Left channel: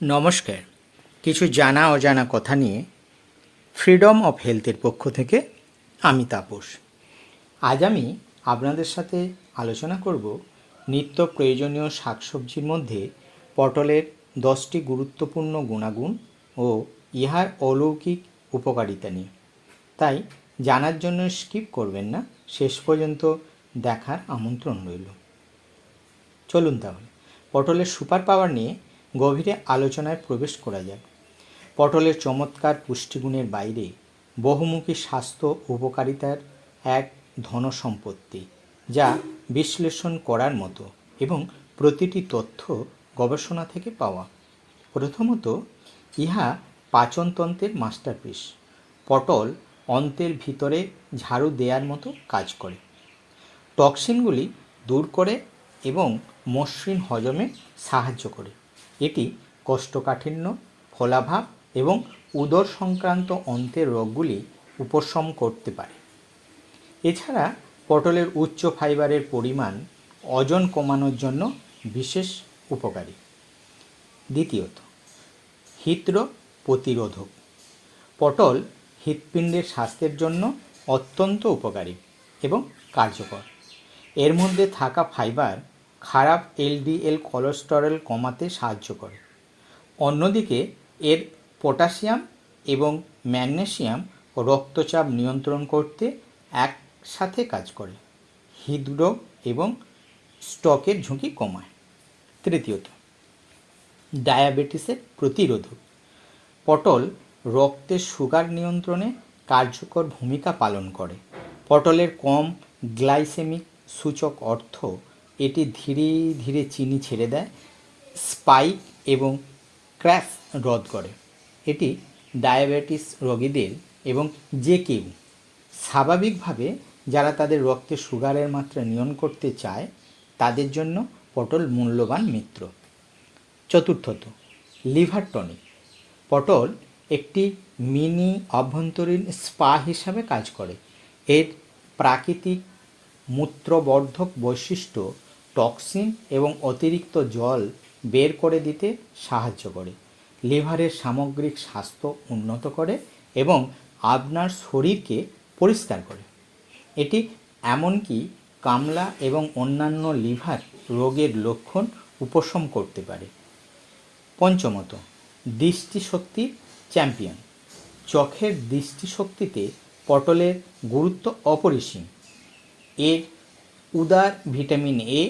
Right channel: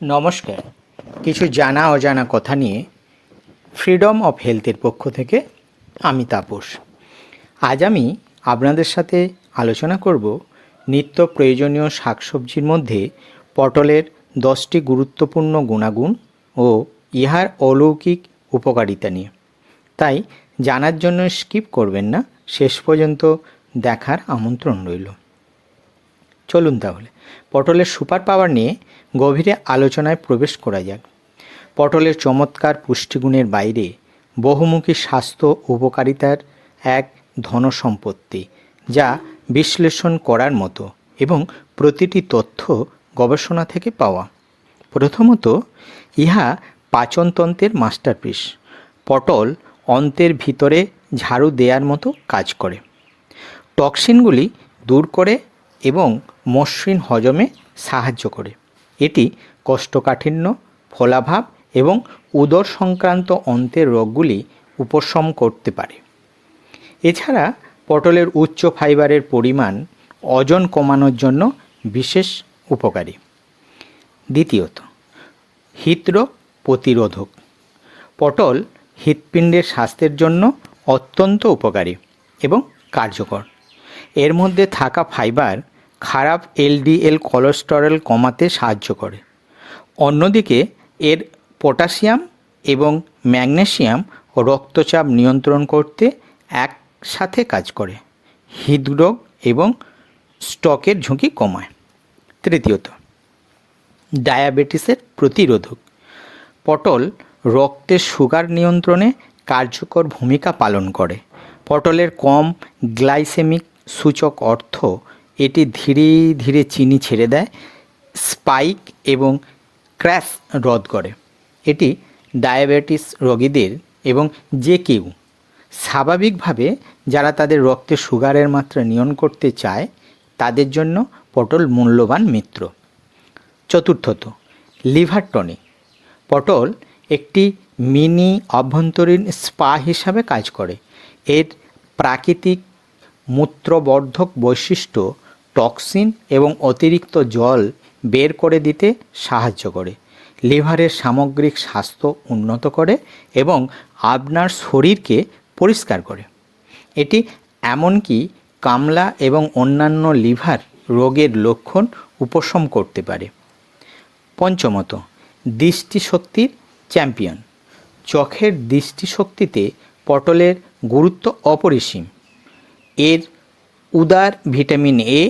নমস্কার। কিছু জানা অজানা কথা নিয়ে ফ্রিডম অফ হেলথের পক্ষ থেকে আমি তাপস। আজ আমি আপনাদের সাথে আলোচনা করব নিত্য প্রয়োজনীয় শাকসবজির মধ্যে পটলের 10টি গুরুত্বপূর্ণ গুণাগুণ ও ইহার অলৌকিক উপকারিতা নিয়ে। তাই জানার জন্য স্কিপ করবেন না, শেষ পর্যন্ত দেখার আমন্ত্রণ রইল। চলুন তাহলে পটলের সুপার পাওয়ার নিয়ে গভীরে আলোচনায় প্রবেশ করা যাক। পটলের চমৎকার পুষ্টিগুণের বাইরে বহুমুখী স্বাস্থ্য উপকারিতার এক ধনসম্পত্তি, যা বিশ্লেষণ করার মতো এবং প্রতিটি তথ্য গবেষণা থেকে পাওয়া। প্রথমত, ইহা পাচনতন্ত্রের মাস্টারপিস। পটল অন্ত্রের ভিতরে ঝাড়ু দেওয়ার মতো কাজ করে, টক্সিনগুলি দূর করে এবং মসৃণ হজমে সাহায্য করে। এটি কোষ্ঠকাঠিন্য, ফোলাভাব এবং উদর সংক্রান্ত অন্ত্রের রোগগুলি উপশম করতে পারে। এছাড়া পটলের উচ্চ ফাইবারের পরিমাণ ওজন কমানোর জন্য বিশেষ উপকারী। দ্বিতীয়ত, হৃদরোগ প্রতিরোধক। পটল হৃৎপিণ্ডের স্বাস্থ্যের জন্য অত্যন্ত উপকারী এবং কার্যকর। এর মধ্যে থাকা ফাইবার খারাপ এলডিএল কোলেস্টেরল কমাতে সাহায্য করে। অন্যদিকে এর পটাশিয়াম এবং ম্যাগনেসিয়াম রক্তচাপ নিয়ন্ত্রণ করতে একসাথে কাজ করে, হৃদরোগ এবং স্ট্রোকের ঝুঁকি কমায়। তৃতীয়ত, ডায়াবেটিসের প্রতিরোধক। পটল রক্তের সুগার নিয়ন্ত্রণে কার্যকর ভূমিকা পালন করে। পটলের কম গ্লাইসেমিক সূচক অর্থ এটি ধীরে ধীরে চিনি ছেড়ে দেয়, স্পাইক এবং ক্র্যাশ রোধ করে। এটি ডায়াবেটিস রোগীদের এবং যে কেউ স্বাভাবিকভাবে যারা তাদের রক্তে সুগারের মাত্রা নিয়ন্ত্রণ করতে চায় তাদের জন্য পটল মূল্যবান মিত্র। চতুর্থত, লিভার টনিক। পটল একটি মিনি অভ্যন্তরীণ স্পা হিসাবে কাজ করে। এর প্রাকৃতিক মূত্রবর্ধক বৈশিষ্ট্য টক্সিন এবং অতিরিক্ত জল বের করে দিতে সাহায্য করে, লিভারের সামগ্রিক স্বাস্থ্য উন্নত করে এবং আপনার শরীরকে পরিষ্কার করে। এটি এমনকি কামলা এবং অন্যান্য লিভার রোগের লক্ষণ উপশম করতে পারে। পঞ্চমত, দৃষ্টিশক্তির চ্যাম্পিয়ন। চোখের দৃষ্টিশক্তিতে পটলের গুরুত্ব অপরিসীম। এর উদার ভিটামিন এ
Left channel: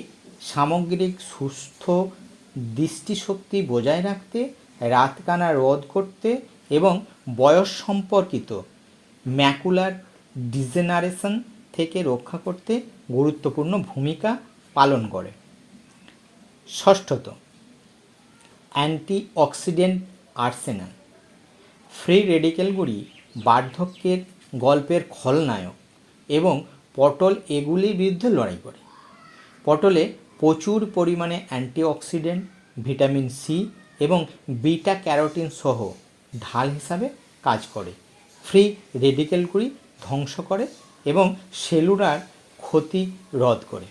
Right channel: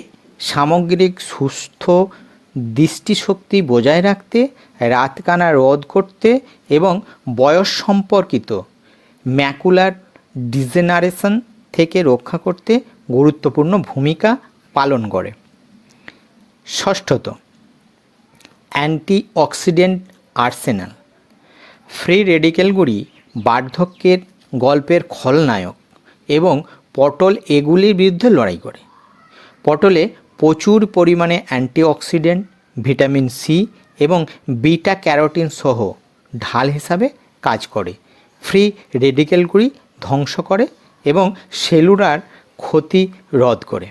সামগ্রিক সুস্থ দৃষ্টিশক্তি বজায় রাখতে, রাতকানা রোধ করতে এবং বয়স সম্পর্কিত ম্যাকুলার ডিজেনারেশন থেকে রক্ষা করতে গুরুত্বপূর্ণ ভূমিকা পালন করে। ষষ্ঠত, অ্যান্টিঅক্সিডেন্ট আর্সেনাল। ফ্রি রেডিক্যালগুলি বার্ধক্যের গল্পের খলনায়ক এবং পটল এগুলির বিরুদ্ধে লড়াই করে। পটলে প্রচুর পরিমাণে অ্যান্টিঅক্সিডেন্ট, ভিটামিন সি এবং বিটা ক্যারোটিন সহ ঢাল হিসাবে কাজ করে, ফ্রি রেডিক্যালগুলি ধ্বংস করে এবং সেলুলার ক্ষতি রোধ করে।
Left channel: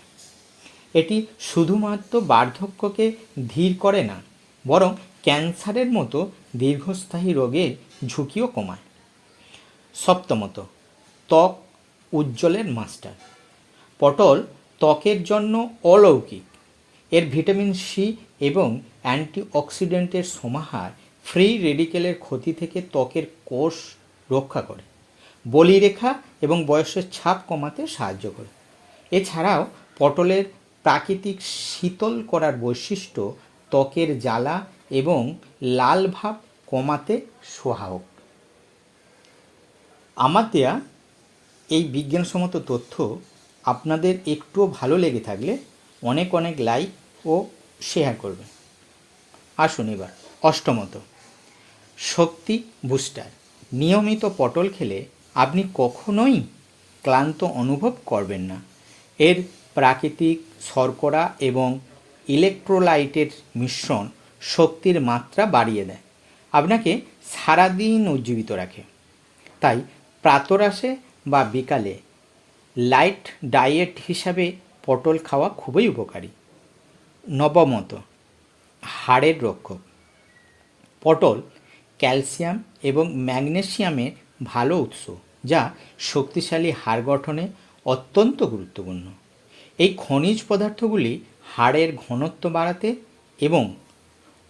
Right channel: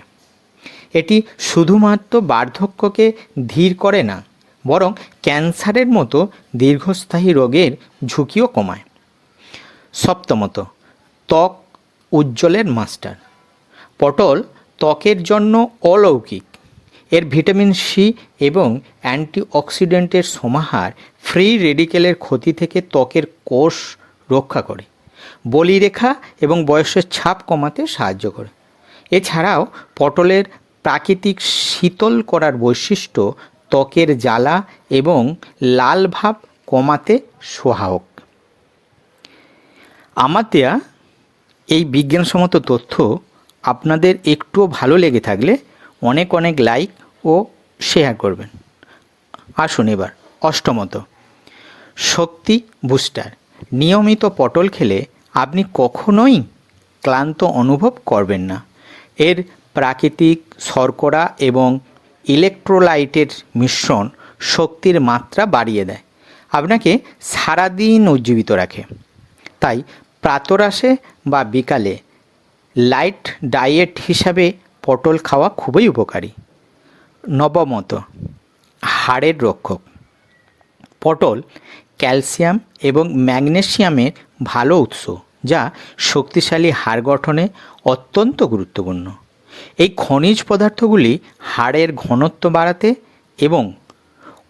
এটি শুধুমাত্র বার্ধক্যকে ধীর করে না, বরং ক্যান্সারের মতো দীর্ঘস্থায়ী রোগের ঝুঁকিও কমায়। সপ্তমত, ত্বক উজ্জ্বলের মাস্টার। পটল ত্বকের জন্য অলৌকিক। এর ভিটামিন সি এবং অ্যান্টিঅক্সিডেন্টের সমাহার ফ্রি রেডিক্যালের ক্ষতি থেকে ত্বকের কোষ রক্ষা করে, বলিরেখা এবং বয়সের ছাপ কমাতে সাহায্য করে। এছাড়াও পটলের প্রাকৃতিক শীতল করার বৈশিষ্ট্য ত্বকের জ্বালা এবং লাল ভাব কমাতে সহায়ক। আমার দেয়া এই বিজ্ঞানসম্মত তথ্য আপনাদের একটুও ভালো লেগে থাকলে অনেক অনেক লাইক ও শেয়ার করবেন। আসুন এবার অষ্টমত, শক্তি বুস্টার। নিয়মিত পটল খেলে আপনি কখনোই ক্লান্ত অনুভব করবেন না। এর প্রাকৃতিক শর্করা এবং ইলেকট্রোলাইটের মিশ্রণ শক্তির মাত্রা বাড়িয়ে দেয়, আপনাকে সারাদিন উজ্জীবিত রাখে। তাই প্রাতরাশে বা বিকালে লাইট ডায়েট হিসাবে পটল খাওয়া খুবই উপকারী। নবমত, হাড়ের রক্ষক। পটল ক্যালসিয়াম এবং ম্যাগনেসিয়ামের ভালো উৎস, যা শক্তিশালী হাড় গঠনে অত্যন্ত গুরুত্বপূর্ণ। এই খনিজ পদার্থগুলি হাড়ের ঘনত্ব বাড়াতে এবং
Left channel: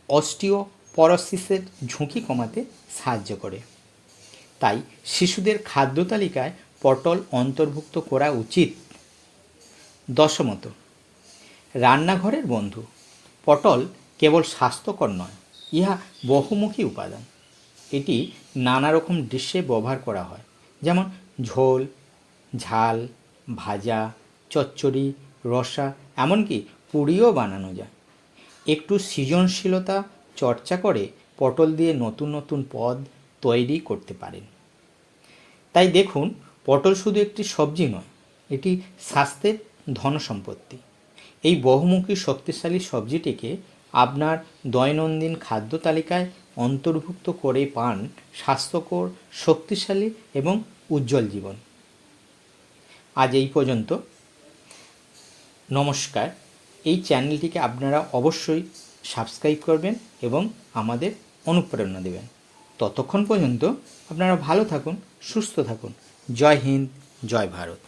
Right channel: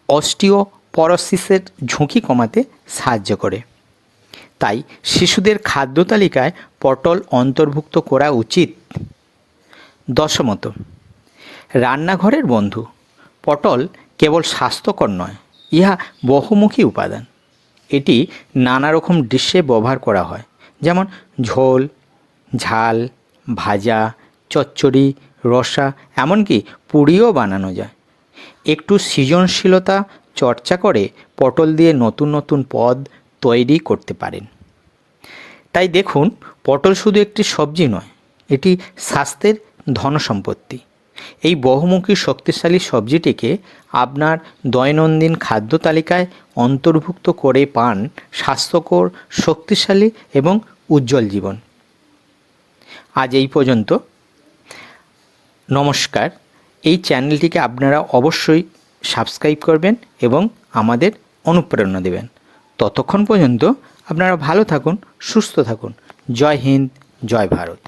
অস্টিওপরোসিসের ঝুঁকি কমাতে সাহায্য করে। তাই শিশুদের খাদ্য তালিকায় পটল অন্তর্ভুক্ত করা উচিত। দশমত, রান্নাঘরের বন্ধু। পটল কেবল স্বাস্থ্যকর নয়, ইহা বহুমুখী উপাদান। এটি নানা রকম ডিশে ব্যবহার করা হয়, যেমন ঝোল, ঝাল, ভাজা, চচ্চড়ি, রসা, এমনকি পুরিও বানানো যায়। একটু সৃজনশীলতা চর্চা করে পটল দিয়ে নতুন নতুন পদ তৈরি করতে পারেন। তাই দেখুন, পটল শুধু একটি সবজি নয়, এটি স্বাস্থ্যের ধনসম্পত্তি। এই বহুমুখী শক্তিশালী সবজিটিকে আপনার দৈনন্দিন খাদ্য তালিকায় অন্তর্ভুক্ত করে পান স্বাস্থ্যকর, শক্তিশালী এবং উজ্জ্বল জীবন। আজ এই পর্যন্ত। নমস্কার। এই চ্যানেলটিকে আপনারা অবশ্যই সাবস্ক্রাইব করবেন এবং আমাদের অনুপ্রেরণা দেবেন। ততক্ষণ পর্যন্ত আপনারা ভালো থাকুন, সুস্থ থাকুন। জয় হিন্দ, জয় ভারত।